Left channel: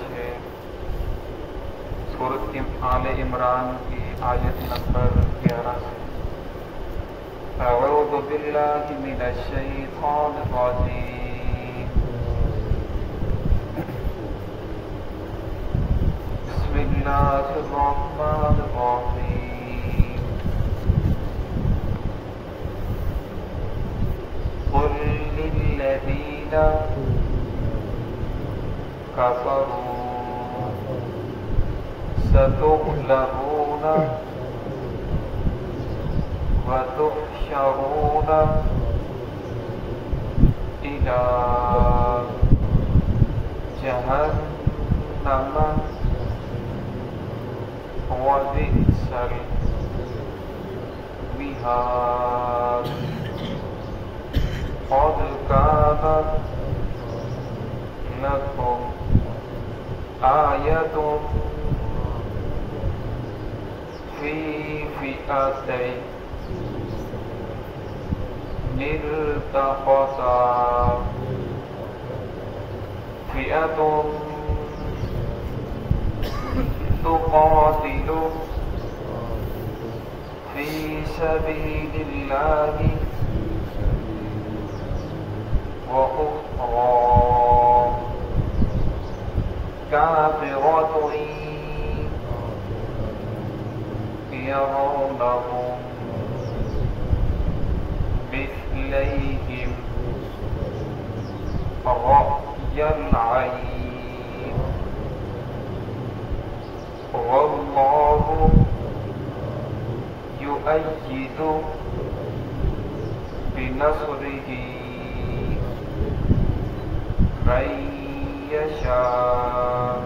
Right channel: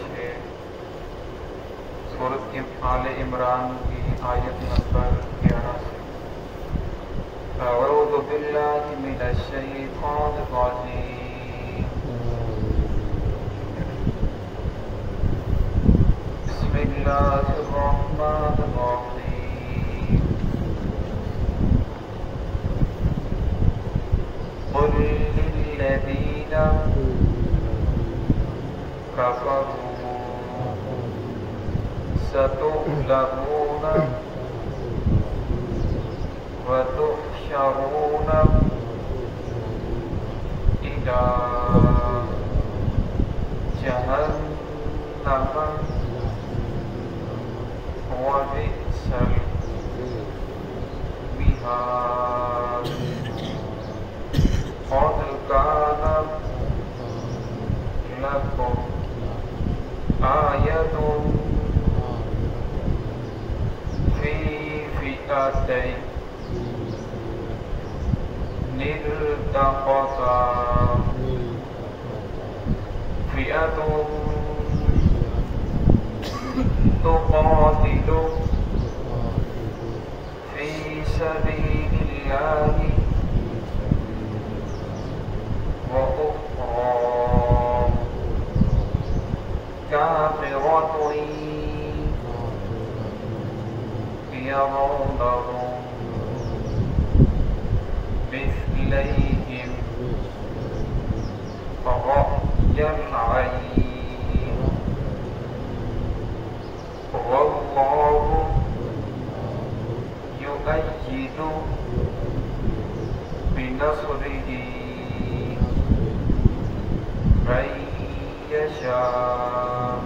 6 سورۃ آل عمران کی آیت نمبر 11 سے اعوذ باللہ من الشیطان الرجیم بسم اللہ الرحمن الرحیم قل للذین کفروا ستغلبون وتحشرون إلى جهنم وبئس المهاد قد كان لكم آية في فئتين التقتا فئة تقاتل في سبيل الله وأخرى كافرة يرونهم مثليهم رأي العين والله يؤيد بنصره من يشاء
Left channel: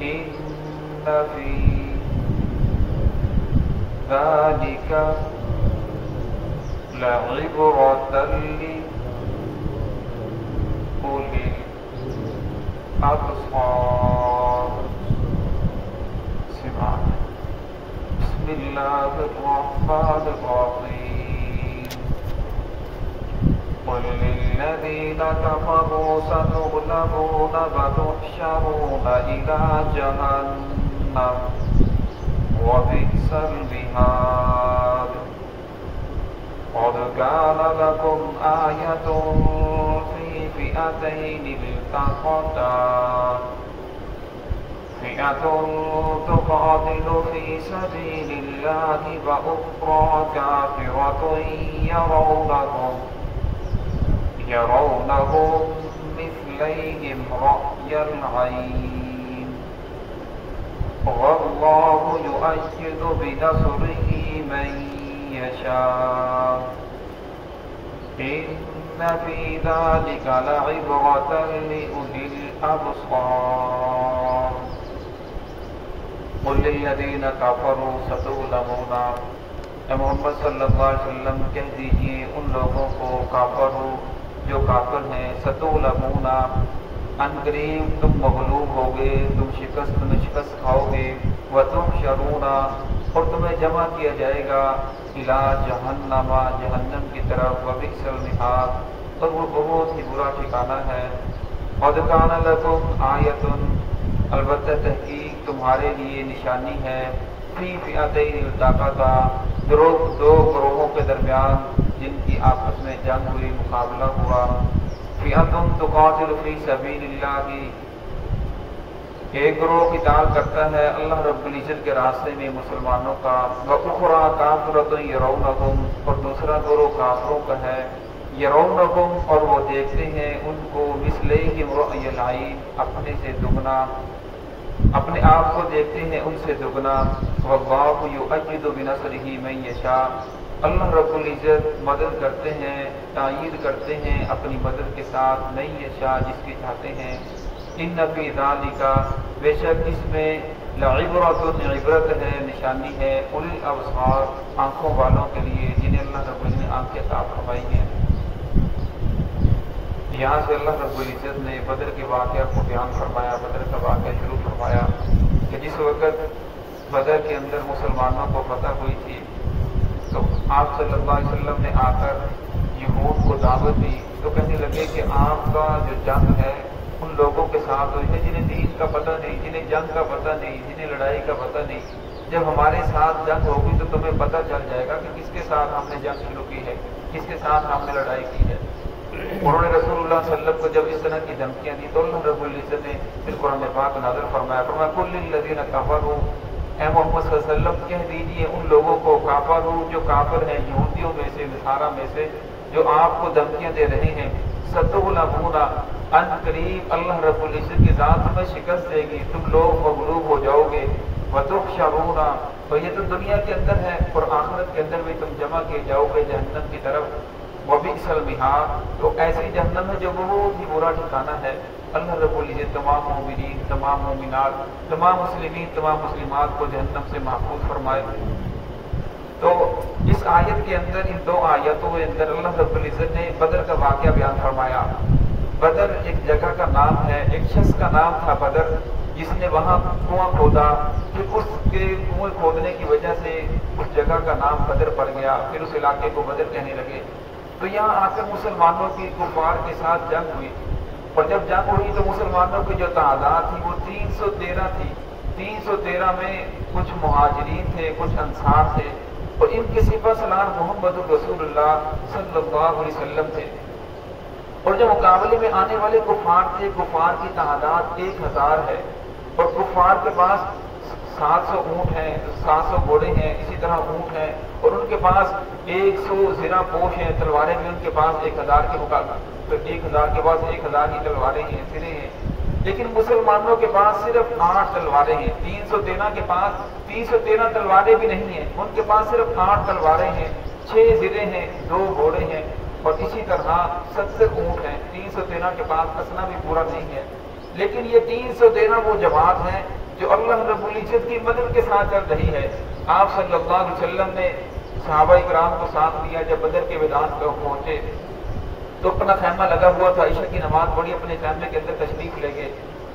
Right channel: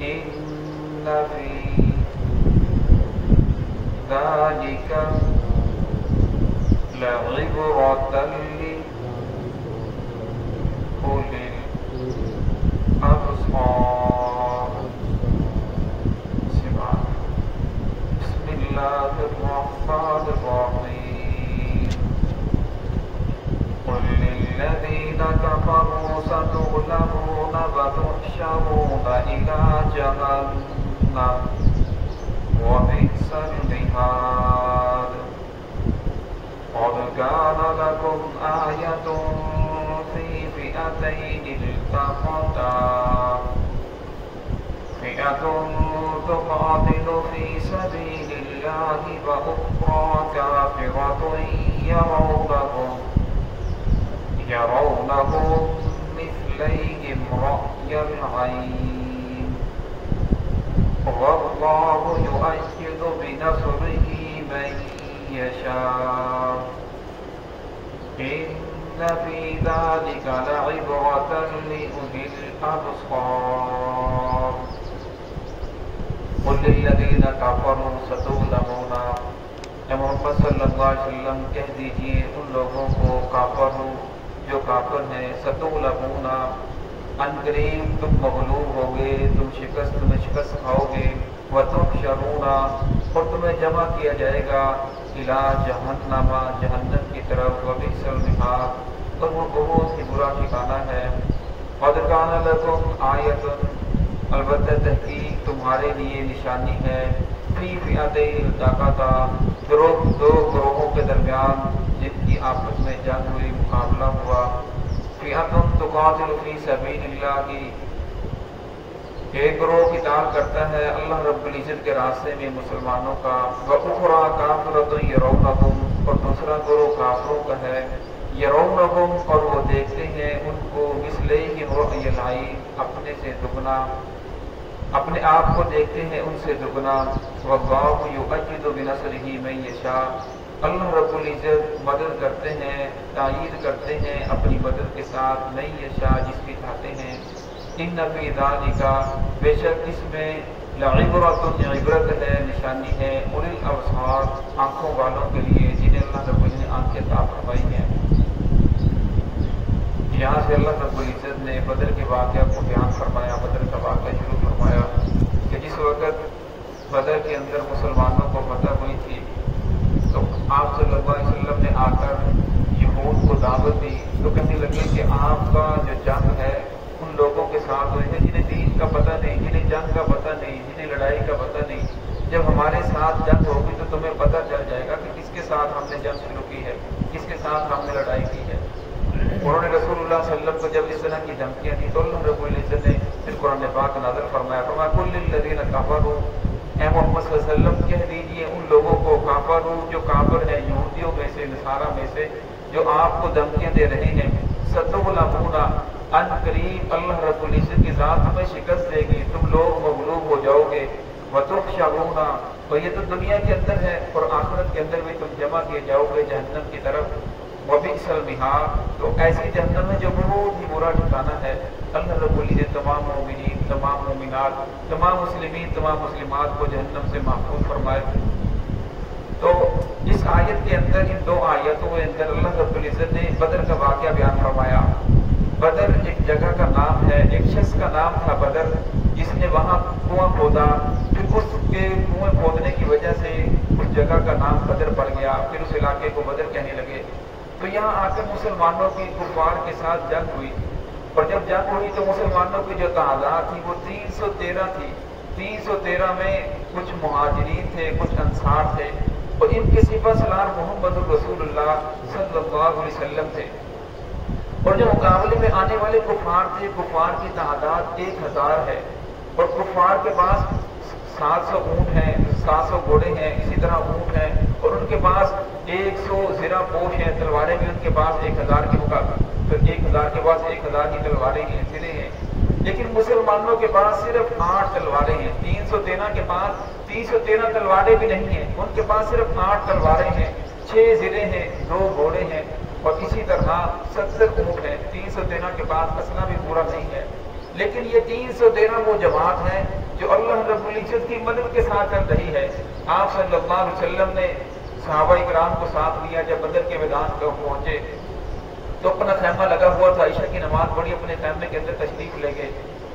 إن في ذلك لعبرة لأولي الأبصار بسم الله الرحمن الرحيم قل للذين كفروا ستغلبون وتحشرون إلى جهنم وبئس المهاد قد كان لكم آية في فئتين التقتا فئة تقاتل في سبيل الله وأخرى كافرة يرونهم مثليهم رأي العين والله يؤيد بنصره من يشاء إن في ذلك لعبرة لأولي الأبصار قل للذين كفروا ستغلبون اے محمد صلی اللہ علیہ وسلم کہہ دیجئے ان لوگوں کو کافر جو کافر ہیں ستغلبون ان قریب تم مغلوب ہوگے تم شکست کھاؤ گے وتحشرون اور تمہیں جمع کیا جائے گا الی جہنم جہنم کی طرف وبئس المہاد اور وہ بہت ہی برا ٹھکانہ ہے قد کان لکم آیۃ البتہ تحقیق تمہارے لیے نشانی ہے فی فئتین التقتا دو گروہوں کے درمیان جن کی آپس میں جنگ ہوئی مقابلہ ہوا فئۃ تقاتل فی سبیل اللہ ایک گروہ قتال کرتا ہے اللہ رب العزت کے راستے میں مسلمانوں کا وَأُخْرَىٰ كَافِرَةٌ يَرَوْنَهُمْ اور دوسرا گروہ کافروں کا ہے یرونہم اور وہ دیکھتے ہیں ان کو مثلیہم رأی العین اپنے سے دگنا اپنے آپ کو دیکھتے ہیں ان سے دگنا واللہ یؤید بنصرہ من یشاء اللہ رب العزت مدد کرتے ہیں تائید کرتے ہیں اپنی مدد کے ساتھ من یشاء جس کی چاہتے ہیں ان فی ذالک بے شک اس میں لعبرۃ عبرت ہے نشانی ہے اولی الابصار آنکھوں والوں کے لیے جنہیں اللہ رب العزت نے آنکھیں عطا فرمائی ہیں یہاں سے اللہ رب العزت نے بدر کے واقعہ کو بیان فرمایا بدر کا واقعہ شروع فرمایا کہ جس وقت بدر کے اندر مسلمانوں کو فتح ہوئی تھی تو آپ صلی اللہ علیہ وسلم نے آ کر یہود کو دعوت دی تو کہنے لگے کہ آپ کا جو جنگ ہے ان لوگوں کے کا پتہ نہیں، جنہیں جنگ کا پتہ نہیں، جنہیں لڑائی کا پتہ نہیں، جب ہمارے ساتھ جنگ ہوگی تو تمہیں پتہ چل جائے گا کہ کس کے ساتھ ہم نے جنگ شروع کی ہے، کس کے ساتھ ہم نے لڑائی کی ہے۔ انہوں نے رسول اللہ صلی اللہ علیہ وسلم کو جب اس طرح کی دھمکیاں دی تو اللہ رب العزت نے پھر قرآن پاک نازل فرمایا کل للذین کفروا، اے محمد صلی اللہ علیہ وسلم کہہ دیجیے ان لوگوں کو کافر جو کافر ہیں یہودیوں میں سے، نصارہ میں سے، جو آپ کو دھمکیاں دے رہے ہیں، ستغلبون، ان قریب اللہ رب العزت کی ذات تمہیں شکست دے گی، تم لوگ مغلوب ہو جاؤ گے، وتحشرون، تو یہ تو دنیا کے اندر ہے اور آخرت کے اندر بھی تم جمع کیے جاؤ گے جہنم کی طرف، وبئس المہاد، تو ایسی جہنم ہے جو بہت ہی برا ٹھکانہ ہے۔ اللہ رب العزت تمام مومنین، تمام مومنات، تمام مسلمین، تمام مسلمات کو جہنم سے محفوظ فرمائے۔ تو اس آیت کے اندر، ان دو آیتوں کے اندر اللہ رب العزت نے بدر کا واقعہ بیان فرمایا۔ بدر ایک جگہ کا نام ہے، ایک شخص کا نام تھا بدر، جس نے وہاں کنواں کھودا، پھر اس کے کنویں کھودنے کی وجہ سے اس جگہ کا نام بدر پڑ گیا، پھر اس علاقے کو بدر کہنے لگے۔ تو یہاں آ کر مسلمانوں کی کفار کے ساتھ جنگ ہوئی، اور جب جنگ ہوئی تو مسلمانوں کی جو تعداد تھی وہ 313 تھی۔ 313 میں کچھ مہاجرین تھے، کچھ انصار تھے، اور ان کے سپہ سالار محمد رسول اللہ صلی اللہ علیہ وسلم تھے۔ اور جو مقابلے میں آنے والے کفار تھے، کفار کی تعداد 1000 ہے، اور کفار کے پاس 700 اونٹ ہیں، 700 گھوڑے ہیں، اسی طرح اونٹ ہیں، اور ان کے پاس 100 زرہ پوش ہیں، تلواریں بھی ان کے پاس 1000 کے مقابلے، تو 1000 کے پاس 1000 کی تلواریں ہیں، سرے ہیں۔ لیکن مسلمانوں کے پاس صرف 8 تلواریں ہیں۔ 313 کے پاس 313 تلواریں بھی نہیں ہیں، ان کے پاس صرف 8 تلواریں ہیں، 6 زرے ہیں، 2 گھوڑے ہیں، اور اسی طرح 70 اونٹ ہیں۔ 313 کے پاس اسلحہ بھی پورا نہیں ہے، لیکن یہ 313 وہ جماعت ہے جو اللہ رب العزت کی مدد کے ساتھ چل رہی ہے۔ آپ صلی اللہ علیہ وسلم نے صحابہ کرام کو ساتھ لیا، جب بدر کے میدان پر پہنچے تو اپنا خیمہ لگا ہوا تھا، عشاء کی نماز پڑھی، اپنے خیمے کے اندر تشریف لے گئے،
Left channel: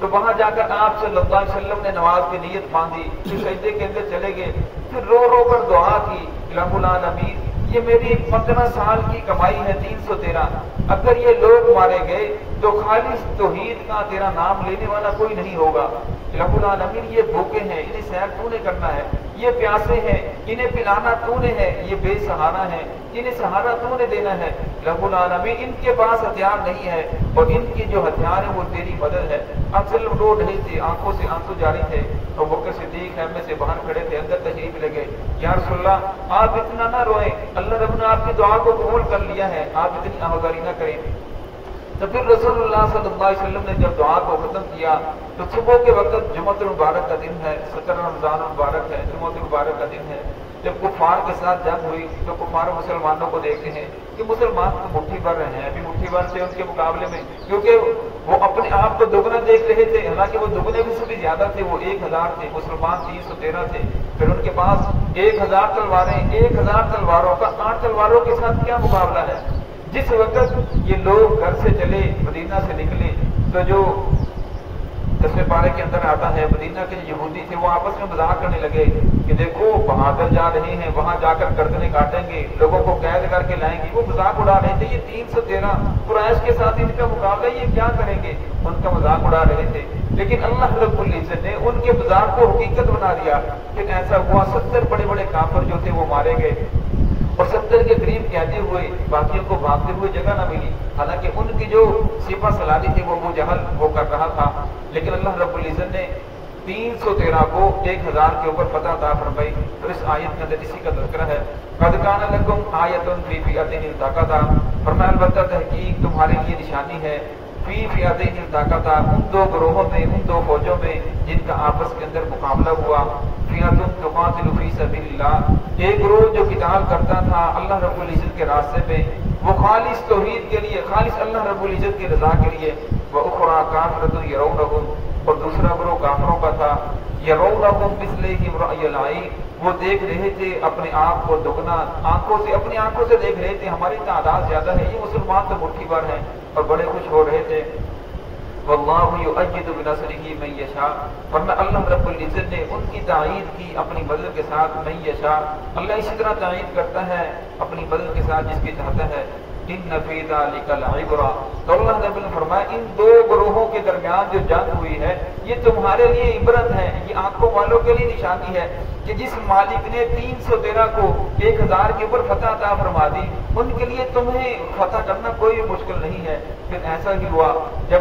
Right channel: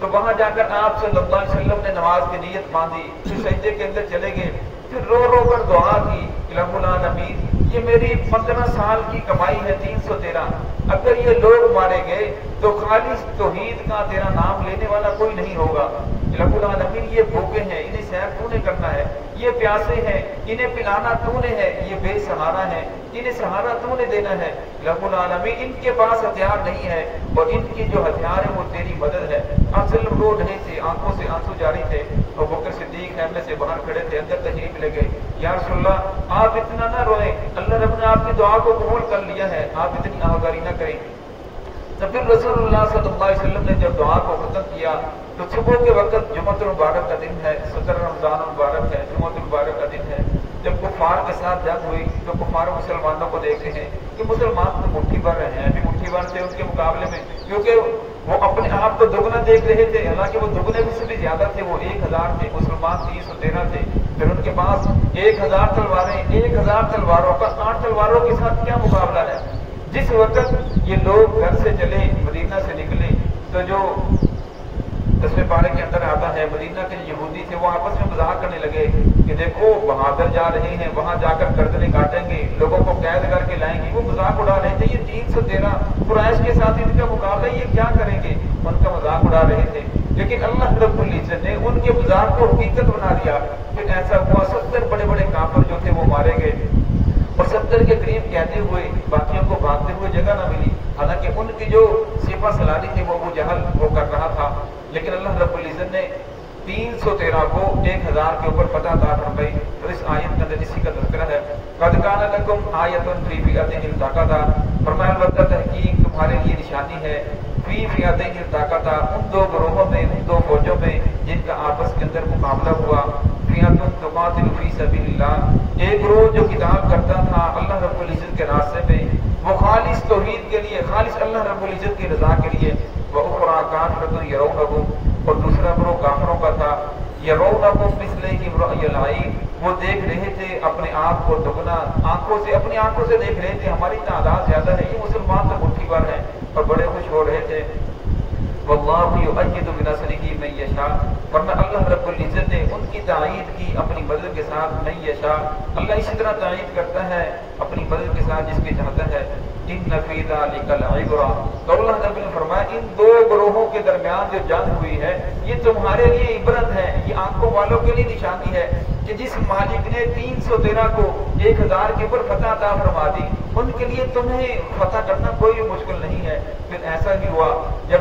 تو وہاں جا کر آپ صلی اللہ علیہ وسلم نے نماز کی نیت باندھی، پھر سجدے کے اندر چلے گئے، پھر رو رو کر دعا کی، الہ العالمین یہ میری 15 سال کی کمائی ہے 313، اگر یہ لوگ مارے گئے تو خالص توحید کا تیرا نام لینے والا کوئی نہیں ہوگا۔ الہ العالمین یہ بھوکے ہیں، انہیں سیر تو نے کرنا ہے، یہ پیاسے ہیں، انہیں پلانا تو نے ہے، یہ بے سہارا ہیں، انہیں سہارا تو نے دینا ہے۔ الہ العالمین ان کے پاس ہتھیار نہیں ہے، اور ان کی جو ہتھیار ہے وہ تیری مدد ہے۔ اب صرف رو رہے تھے، آنکھوں سے آنسو جاری تھے، اور بکر صدیق خیمے سے باہر کھڑے تھے، اندر تشریف لے گئے۔ یا رسول اللہ آپ اتنا نہ روئیں، اللہ رب نے آپ کی دعا کو قبول کر لیا ہے، آپ اتنی آہواری نہ کریں۔ تو پھر رسول اللہ صلی اللہ علیہ وسلم نے جب دعا کو ختم کیا تو صبح کے وقت جمعۃ المبارک کا دن ہے، 17 رمضان المبارک ہے، جمعۃ المبارک کا دن ہے، جب کفار کے ساتھ جنگ ہوئی تو کفار مسلمانوں کو دیکھتے ہیں کہ مسلمان تو مٹھی بھر رہے ہیں، ابھی مٹھی بھر تھے ان کے مقابلے میں، کیونکہ وہ اپنے آپ کو دگنا دیکھ رہے تھے، حالانکہ وہ دگنے بھی سے بھی زیادہ تھے، وہ 1000 تھے، مسلمان 313 تھے، پھر ان کے پاس 1000 تلواریں، 1000 تلواروں کا 8 تلواروں کے ساتھ کیا مقابلہ ہے۔ جس وقت یہ لوگ گھر سے چلے، مدینہ سے نکلے، تو جو 10ویں پارے کے اندر آتا ہے مدینہ کے جو یہودی تھے وہ آپس میں مذاق کرنے لگے کہ دیکھو بہادر جا رہے ہیں، وہاں جا کر گردنیں کاٹیں گے، لوگوں کو قید کر کے لائیں گے، وہ مذاق اڑا رہے تھے۔ یہ 313 قریش کے ساتھ ان کا مقابلہ، یہ کیا کریں گے، ان کا مذاق اڑا رہے تھے۔ لیکن اللہ رب العزت نے ان کے مذاق کو حقیقت بنا دیا۔ پھر ایسا ہوا 70 بڑے بڑے کافر جو تھے وہ مارے گئے، اور 70 کے قریب کہتے ہوئے باقیوں کو بھاگتے ہوئے جگہ نہ ملی، حالانکہ ان کی جو سپہ سالاری تھی وہ ابو جہل وہ کر رہا تھا، لیکن اللہ رب العزت نے 313 کو 1000 کے اوپر فتح عطا فرمائی۔ اور اس آیت کے اندر اسی کا تذکرہ ہے، قد کان لکم آیۃ فی فئتین التقطا، فرمایا البتہ تحقیق تمہارے لیے نشانی ہے، فی فئتین التقطا، ان دو گروہوں میں، ان دو فوجوں میں جن کا آپس کے اندر مقابلہ ہوا، فئۃ تقاتل فی سبیل اللہ، ایک گروہ جو قتال کرتا تھا اللہ رب العزت کے راستے میں، وہ خالص توحید کے لیے، خالص اللہ رب العزت کی رضا کے لیے، وَأُخْرَىٰ كَافِرَةٌ يَرَوْنَهُمْ، اور دوسرا گروہ کافروں کا تھا، يَرَوْنَهُمْ مِثْلَيْهِمْ رَأْيَ الْعَيْنِ، وہ دیکھ رہے تھے اپنے آپ کو دگنا، آنکھوں سے، اپنی آنکھوں سے دیکھ رہے تھے ہماری تعداد زیادہ ہے، یہ مسلمان تو مٹھی بھر ہیں، اور بڑے خوش ہو رہے تھے۔ وَاللَّهُ يُؤَيِّدُ بِنَصْرِهِ مَن يَشَاءُ، فرمایا اللہ رب العزت نے ان کی تائید کی اپنی مدد کے ساتھ، من یشاء، اللہ اسی طرح تائید کرتا ہے اپنی مدد کے ساتھ جس کی چاہتا ہے۔ ان فی ذلک لعبرہ۔ تو اللہ رب نے فرمایا ان دو گروہوں کے درمیان جو جنگ ہوئی ہے یہ تمہارے لیے عبرت ہے، یہ آنکھوں والوں کے لیے نشانی ہے کہ جس مالک نے 300 درہ کو 1000 کے اوپر فتح عطا فرما دی، ان کے لیے تمہیں فتح کرنا کوئی مشکل نہیں ہے۔ پھر ایسا ہی ہوا جب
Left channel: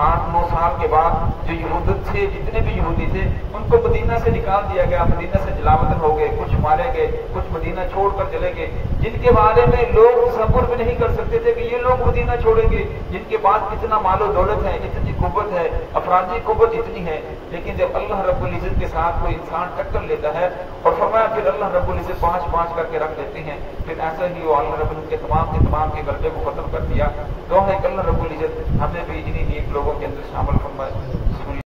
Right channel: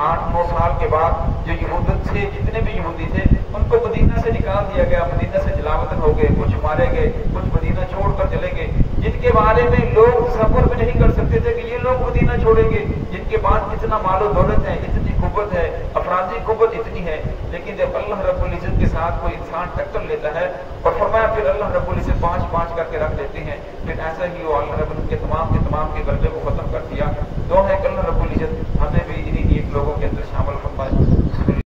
8-9 سال کے بعد جو یہودیت تھے، جتنے بھی یہودی تھے، ان کو مدینہ سے نکال دیا گیا، مدینہ سے جلاوطن ہو گئے، کچھ مارے گئے، کچھ مدینہ چھوڑ کر چلے گئے، جن کے بارے میں لوگ تصور بھی نہیں کر سکتے تھے کہ یہ لوگ مدینہ چھوڑیں گے، جن کے پاس اتنا مال و دولت ہے، اتنی قوت ہے، افرادی قوت اتنی ہے۔ لیکن جب اللہ رب العزت کے ساتھ کوئی انسان ٹکر لیتا ہے اور فرمایا پھر اللہ رب العزت 5-5 کر کے رکھ دیتے ہیں، پھر ایسا ہی وہ اللہ رب العزت کے تمام کے غلبے کو ختم کر دیا۔ دعا ہے کہ اللہ رب العزت ہمیں بھی انہی نیک لوگوں کے اندر شامل فرمائے۔